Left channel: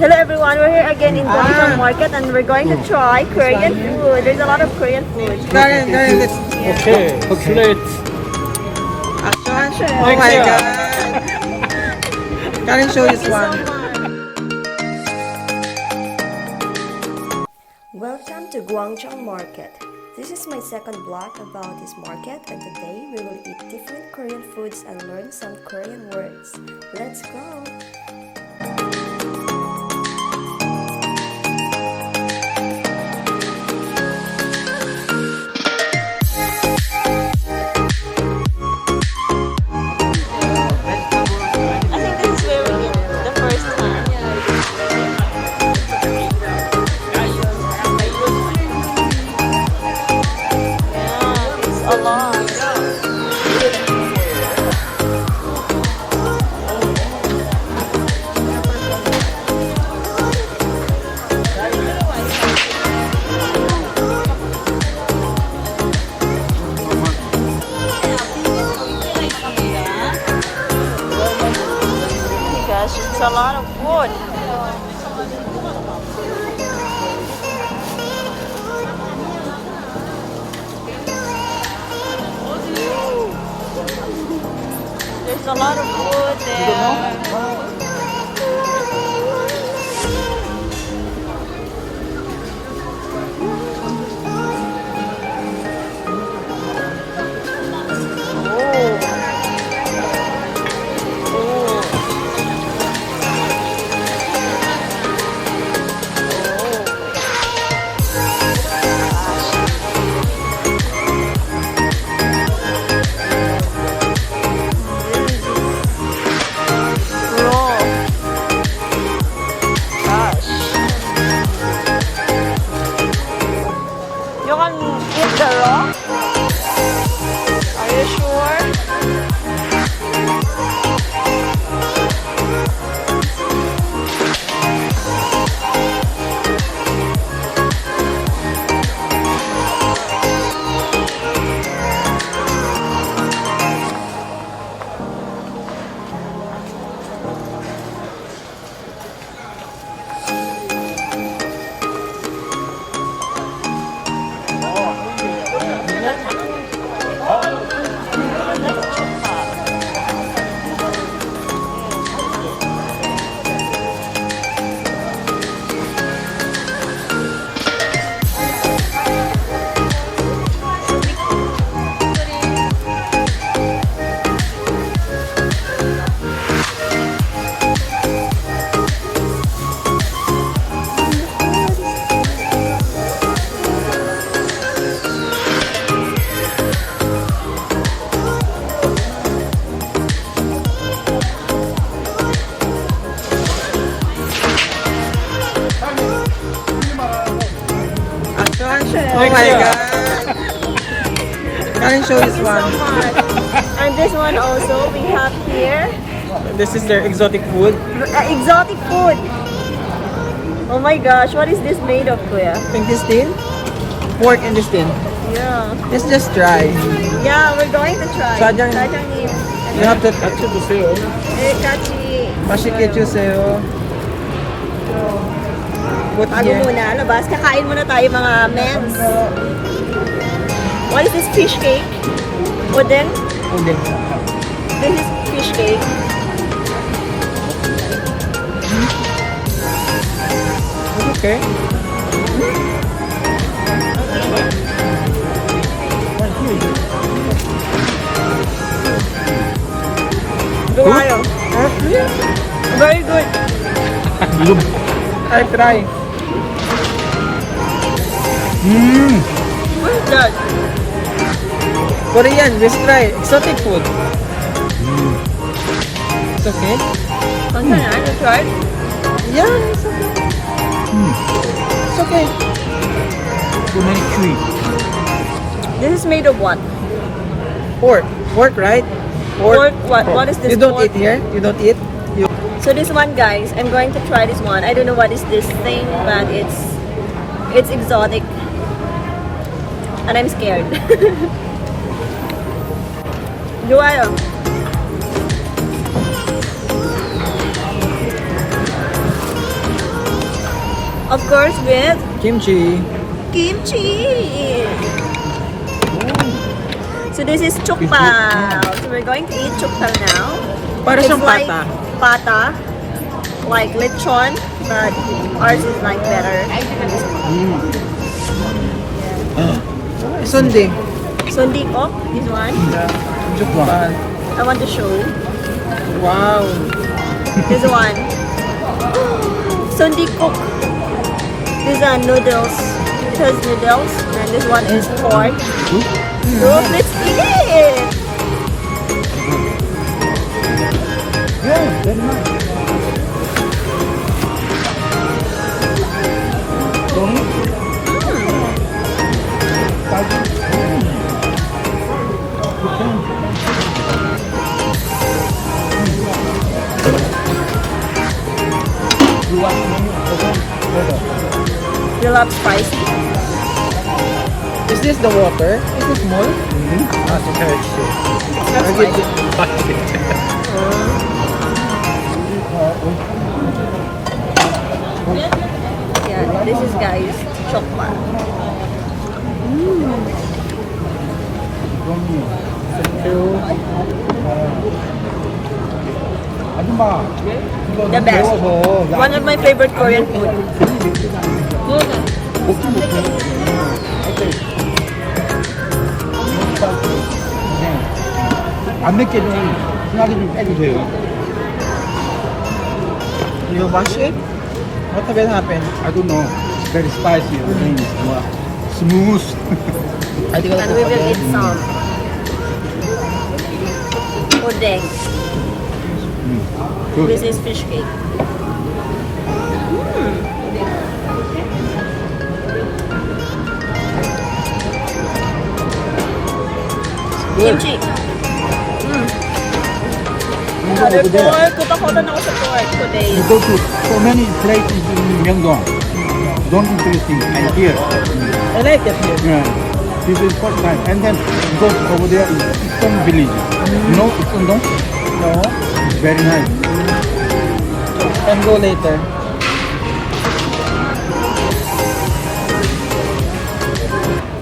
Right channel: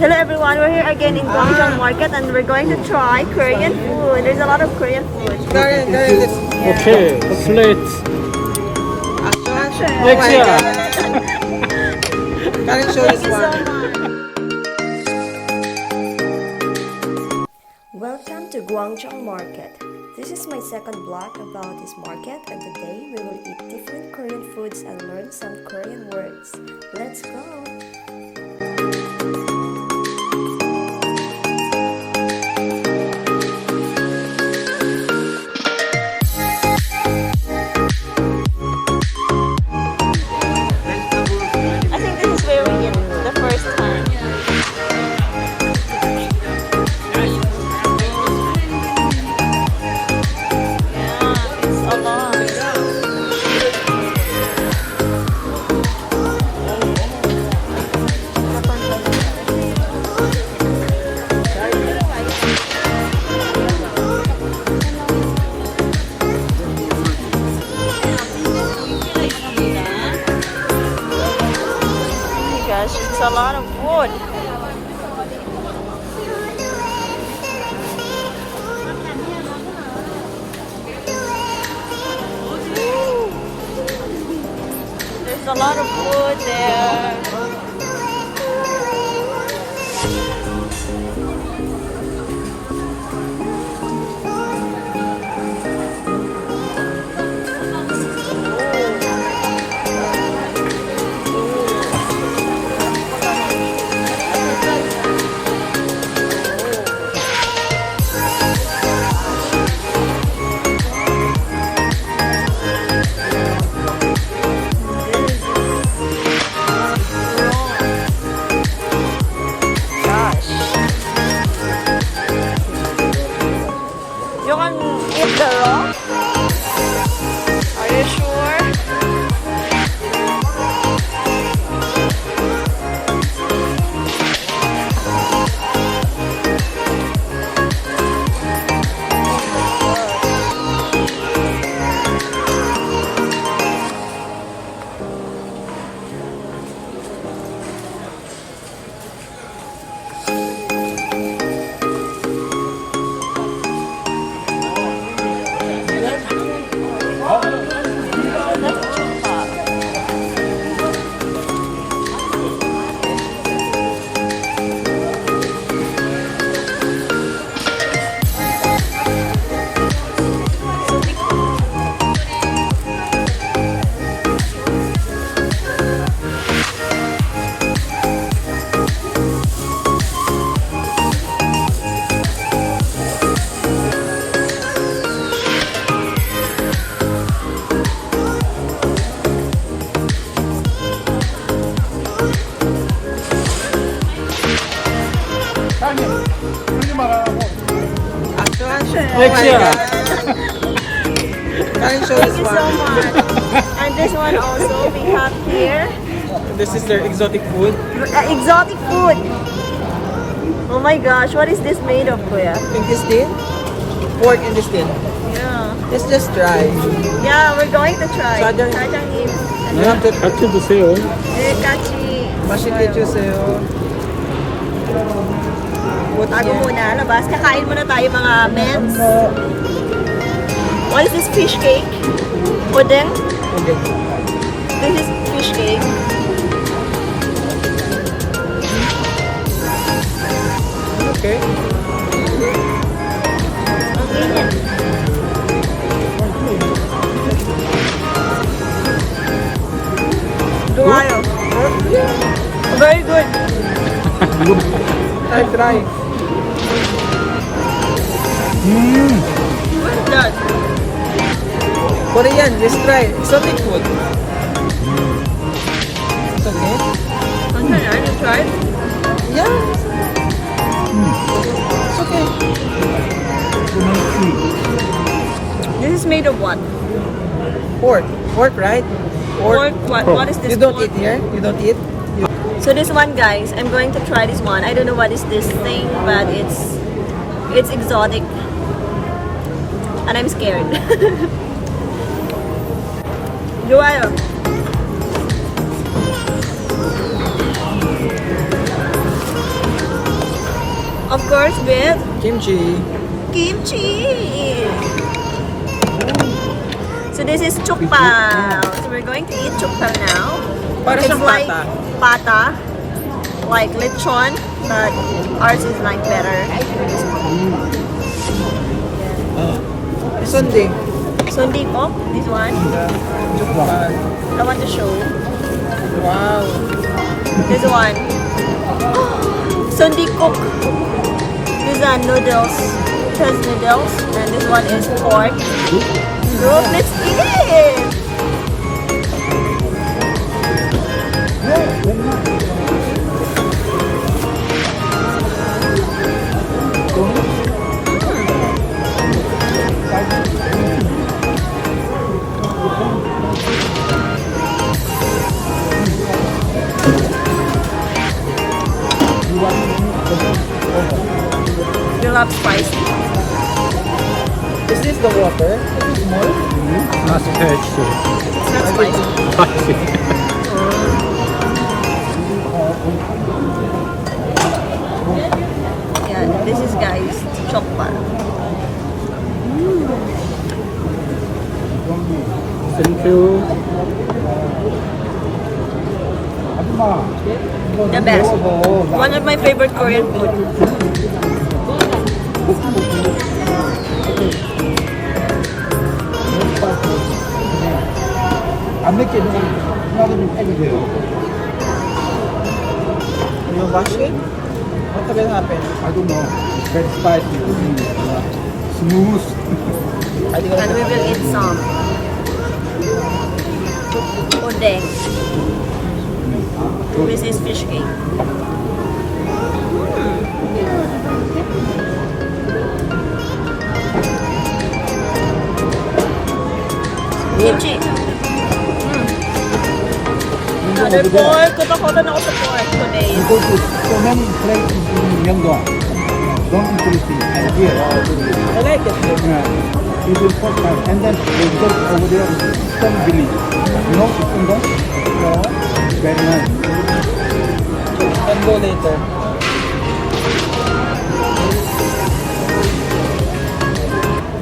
Hello everyone, we're here again in Gwangjang Market and we're going to try Korean food. There's a lot of Korean food. Okay, the plates. Thank you so much. Welcome to Gwangjang Market. This is my second vlog about this market and today we will eat different Korean foods and learn some Korean words. Let's go! It's a lot of wood. There's a lot of wood there. You can eat the raw? Are you sure? Thank you so much. And this one also we have here. This is their exotic food. Exotic food. Oh my gosh, what is this made of, Kuya? Intestine? Pork intestine. Yeah. Let's just try. Yeah, we're going to try. 사장님. You have to 같이 드세요. 네, 같이. 맛있게 주세요. Bago muna, labas. Kakain muna tayo mga mems. What is this fish cake? Odeng? Odeng. This is fish cake. Okay. Duwayo. Very good. I try. What is that? Korean, just try. Exotic food. It's okay? Can you try? Yeah, it's okay. It's okay. This is made of what? Pork. Pork, right? Pork. What is this? You don't pork? eat here? You don't eat? So this one, guys, I'm going to try this one. I don't know what is this thing, but it's exotic. And I'm scared. Joayo. Of course, with Kimchi. kimchi. So this is Jokbal. So we're going to eat Jokbal now. Para It's siyang like pata. pata, like lechon, but ours is like better than this one. Yeah. Sundae. Sundae ko, this one. Jokbal. I want to show. Wow. This one. Sundae cook. These are noodles. It has noodles, and this one is pork. Look, let's eat it. You love spicy? Is this the water? Not spicy. It's not spicy. Yeah, this is guys Jokbal. Thank you. The best. One of my favorite Korean food. 안 맵게 하나는 좀 빼도 돼요. You wash it? What will happen? I don't know. Very spicy. Smooth. And we will eat some Odeng. This is fish cake. Kimchi. Another pork. Kutakota na ako sa pork today. So many places in Myeongdong. Don't eat anything. And here. I like it. Yeah. This is first time. And then we go over there to Seoul village. You know Myeongdong? No? Very nice. Can go later.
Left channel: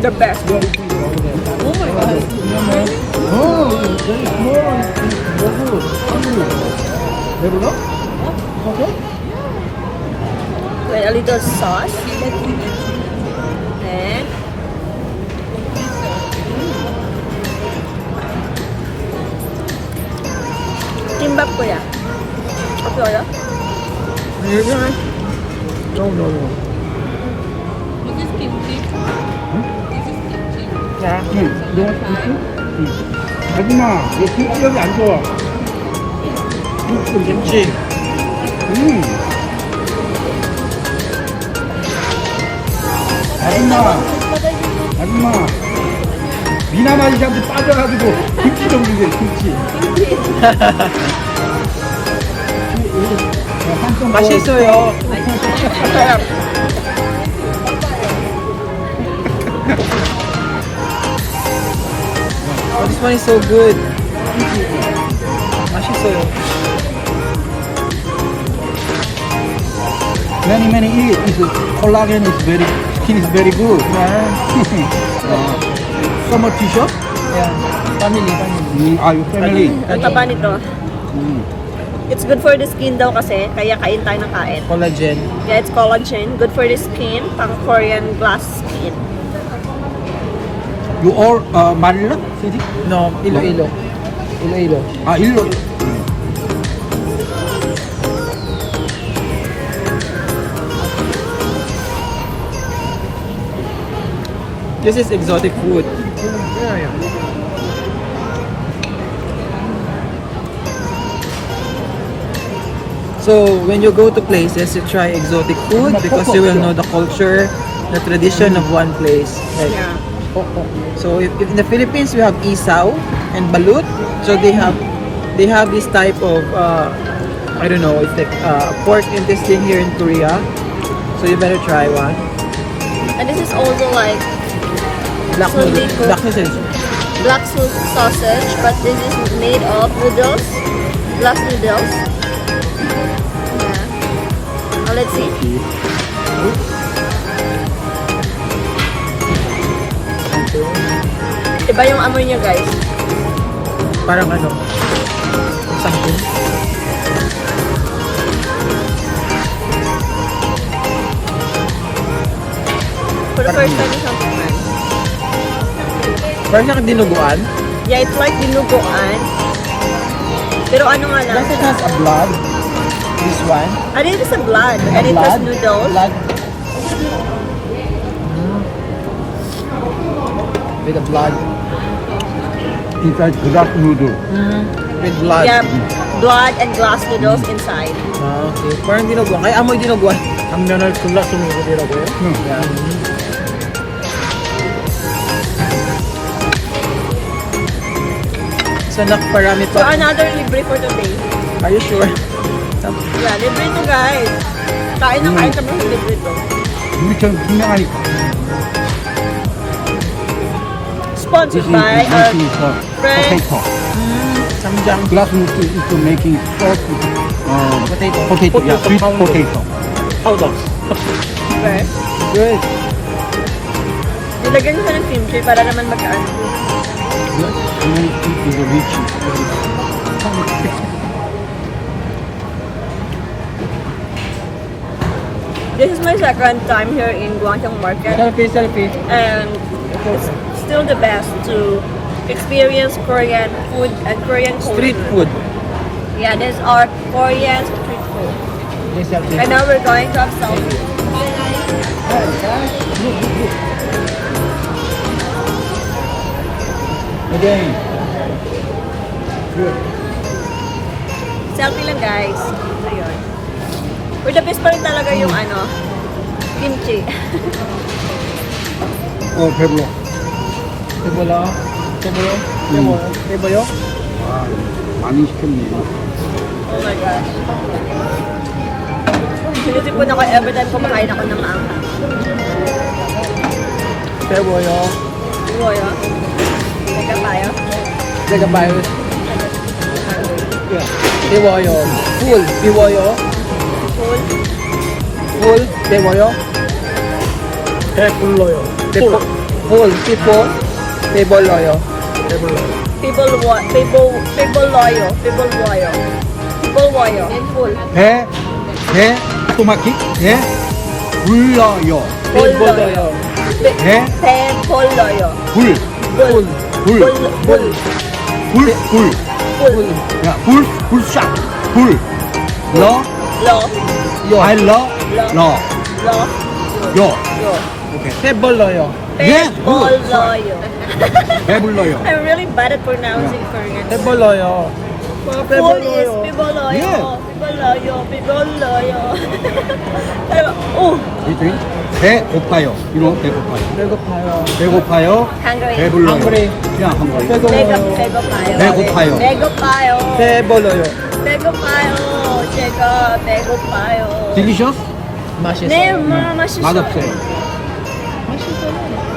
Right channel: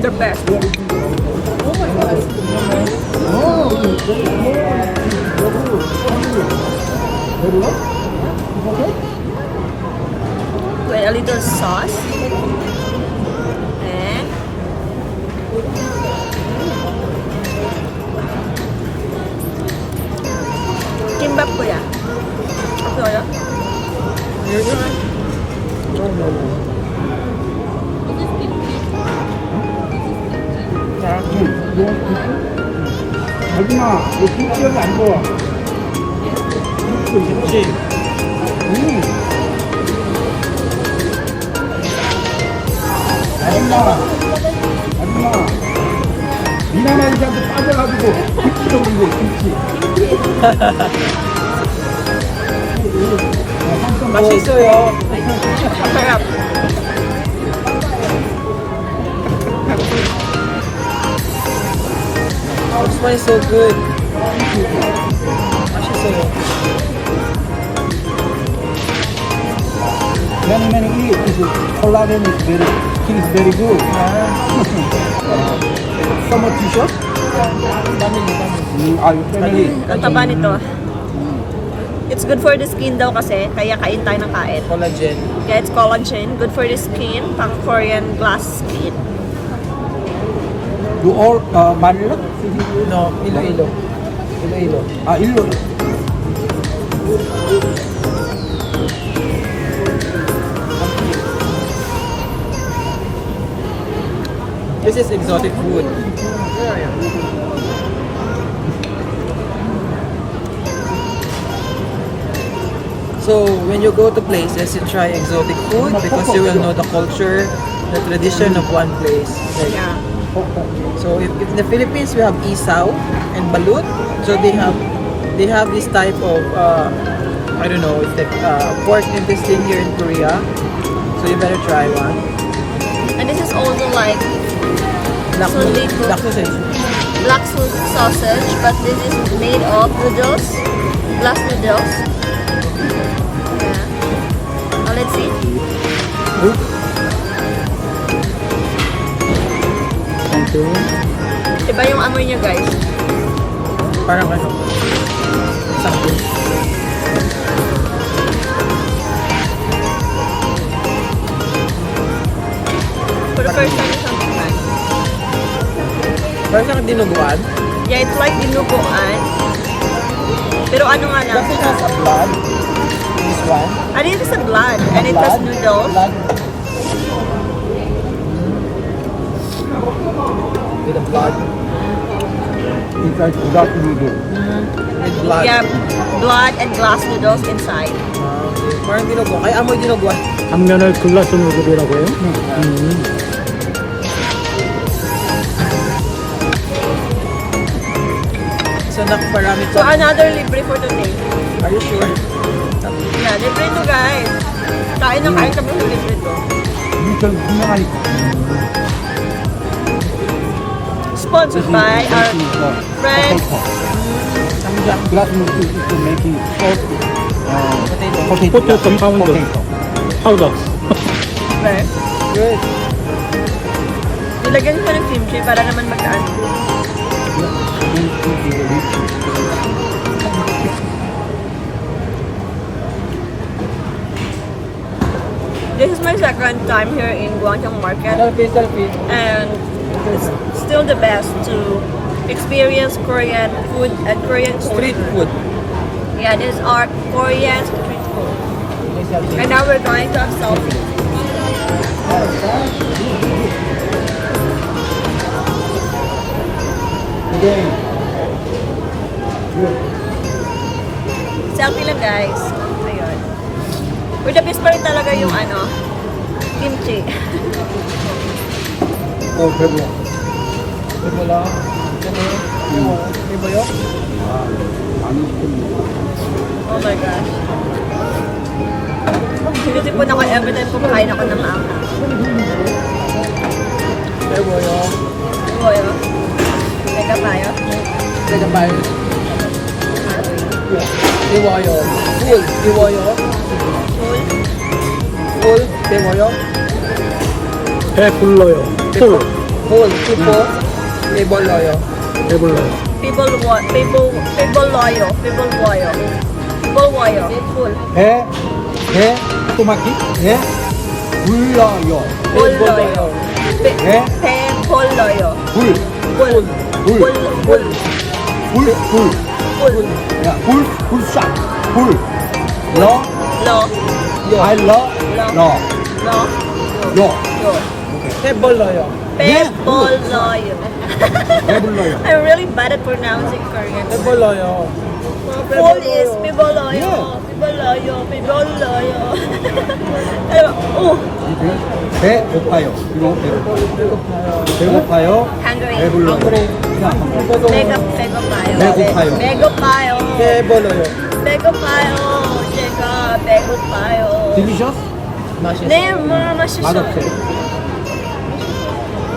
The best. With a little sauce. And kimbap ko ya. Okay, oyo. No. 여기나 여기 올라가 안 좋아. Kimchi. 아줌마, 미나만 이장도 빠져가지고 김치 먹는데 김치. 맛있어요. Sarap. Oh, this one is so good. 맛있어요. Many eat. Collagen is very, skin is very good. So much t-shirt? Family. Are you family? Ang taba nito. It's good for the skin daw kasi, kaya kain tayo ng kain. Collagen. Yeah, it's collagen. Good for the skin. Pang Korean glass skin. You all Manila? No, Iloilo. Iloilo. Ilo. This is exotic food. So when you go to places, you try exotic food because you will know the culture, the tradition of one place. Like, Yeah. so in the Philippines, we have isaw and balut. So they have this type of I don't know, it's like pork intestine here in Korea. So you better try one. And this is also like Black Sundae noodle- cook. black sausage. black sausage, but this is made of noodles, glass noodles. Yeah. Now let's see. Iba yung amoy niya, guys. Parang ano? Something. For the first time in something man. Parang siyang dinuguan. Yeah, it's like dinuguan. Pero ano nga lang siya? Blood. This one. And it is a blood. And it has noodles. With the blood. It's like black noodle. With blood. Yeah, blood and glass noodles inside. Okay. Parang dinuguan. Kaya amoy dinuguan. 당면을 글라스 누들이라고요? So, nakparami So another libre for today. Are you sure? Yeah, libre to, guys. Kain na kain kami sa libre to. We can make Sponsored by our friend. glass noodle is for making Potato powder. Powder. Right? Good. Nilagyan siya ng kimchi para naman magkaano. This is my second time here in Gwangjang Market, Selfie. and it's still the best to experience Korean food and Korean Street culture. food. Yeah, these are Korean street food. And now we're going to have selfie. Okay. Selfie lang, guys. Ayun. For the best pa rin talaga yung ano, kimchi. Oh, pepper. Wala. Iba yun? 많이 시켰네. Oh my gosh. Sinusipon ako every time kumakain ako ng maanghang. Kaya wala. Diba yun? Teka tayo. Nagabayo. Hungry. Iwayo. Full. Iwayo. Full. Full. Iwayo. 배불러요. Full. Tipo. Iboloyo. 배불러요. People loyo. People loyo. Full. 배 토마키 배 불러요. Full loyo. Pe full loyo. 불. Full. Full. Full. 불. Full. 야, 불샷. 불. 러. Lo. 알러. Lo. 러. Lo. 요. Yo. Iboloyo. People loyo. 배불러요. I'm really bad at pronouncing Korean words. Iboloyo. Full is piboloyo, piboloyo, piboloyo. Oh, 배고파요. 이거 배고파요. hungry. 배불러요. 배고파요. 배고파요. 배고파요. Iboloyo. 배고파요. 제가 배고파요. Delicious? 네, 맛있어요.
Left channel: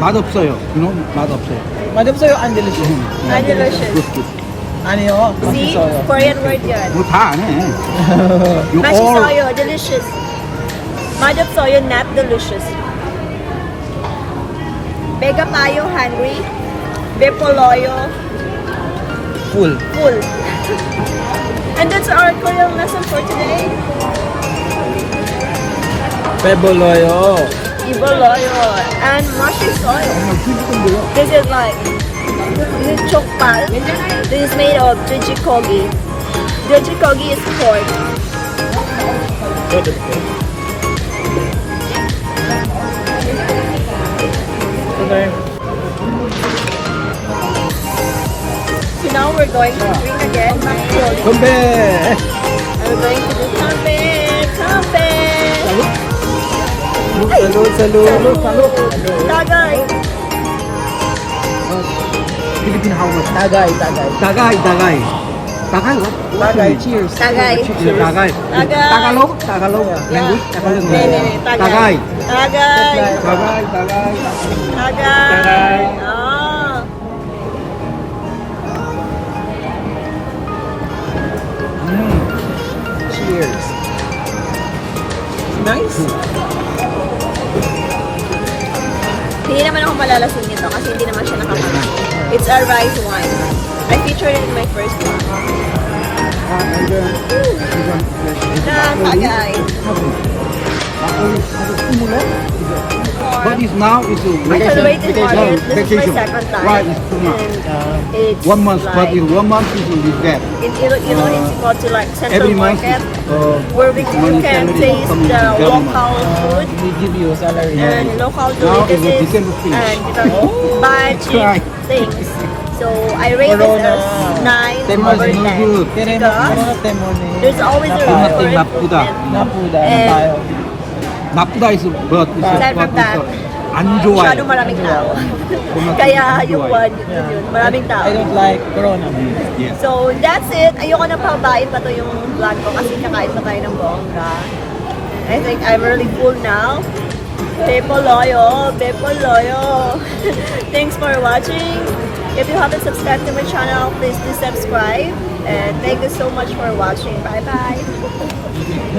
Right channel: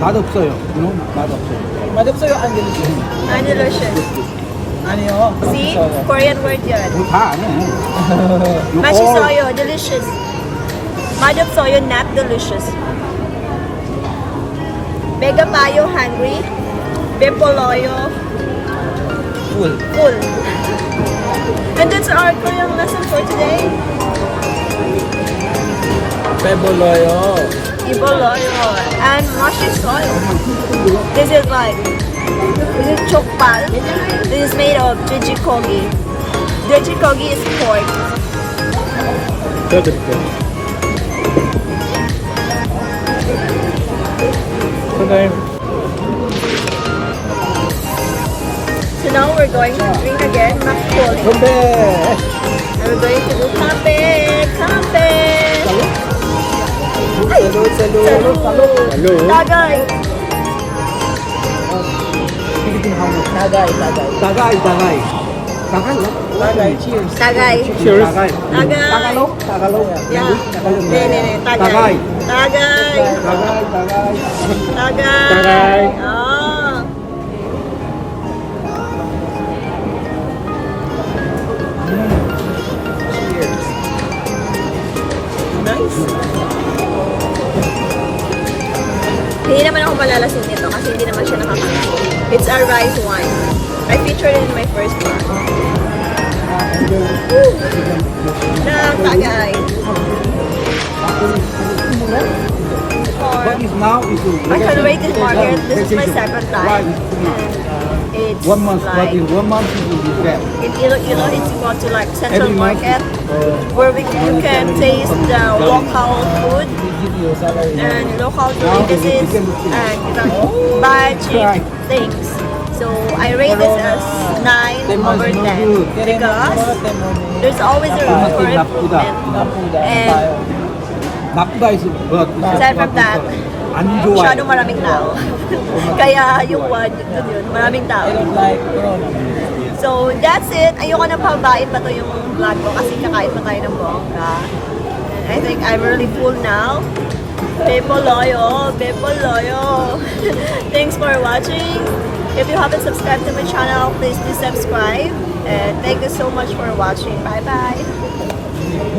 맛없어요. 맛없어요. Madapsoyo ang delicious. Ah, delicious. Ano yun? See? Korean word yan. 이거 다 아니에요. 맛있어요. Delicious. 맛없어요. Not delicious. 배고파요. Hungry. 배불러요. Full. Full. And that's our Korean lesson for today. Iboloyo. Iboloyo and 맛있어요. This is Jokbal. This is made of jjigae. Jjigae is pork. Okay. So now we're going to drink again, makgeolli. And we're going to do kampe. Ay! Salud. Salud! Tagay! Tagay. Tagay. Cheers. Tagay! Cheers. Tagay! Yeah. Nee. Tagay. Tagay! Tagay! Ah! Cheers. Nice. Hindi naman ako malalasing nito kasi hindi naman siya nakakalasing. It's a rice wine. I featured it in my first vlog. Woo! Natagay. What is now is I celebrated market. This is my second time. And it's 1 month, like... in 1 month you will get. In Iloilo, it's equal to like Central Every month, Market, where you can taste the local food We give you a salary. and local delicacies, and you can buy cheap things. So I rate this as 9/10 because there's always a room for improvement. And Nakuda is but aside from that, 안 좋아요. masyadong maraming tao. Kaya yung one, yun, maraming tao. It is like, So, that's it. Ayoko na pababain pa to yung vlog ko kasi kakain pa tayo ng bongga. And I think I'm really full now. Bepo loyo! Bepo loyo! Thanks for watching. If you haven't subscribed to my channel, please do subscribe. And thank you so much for watching. Bye-bye!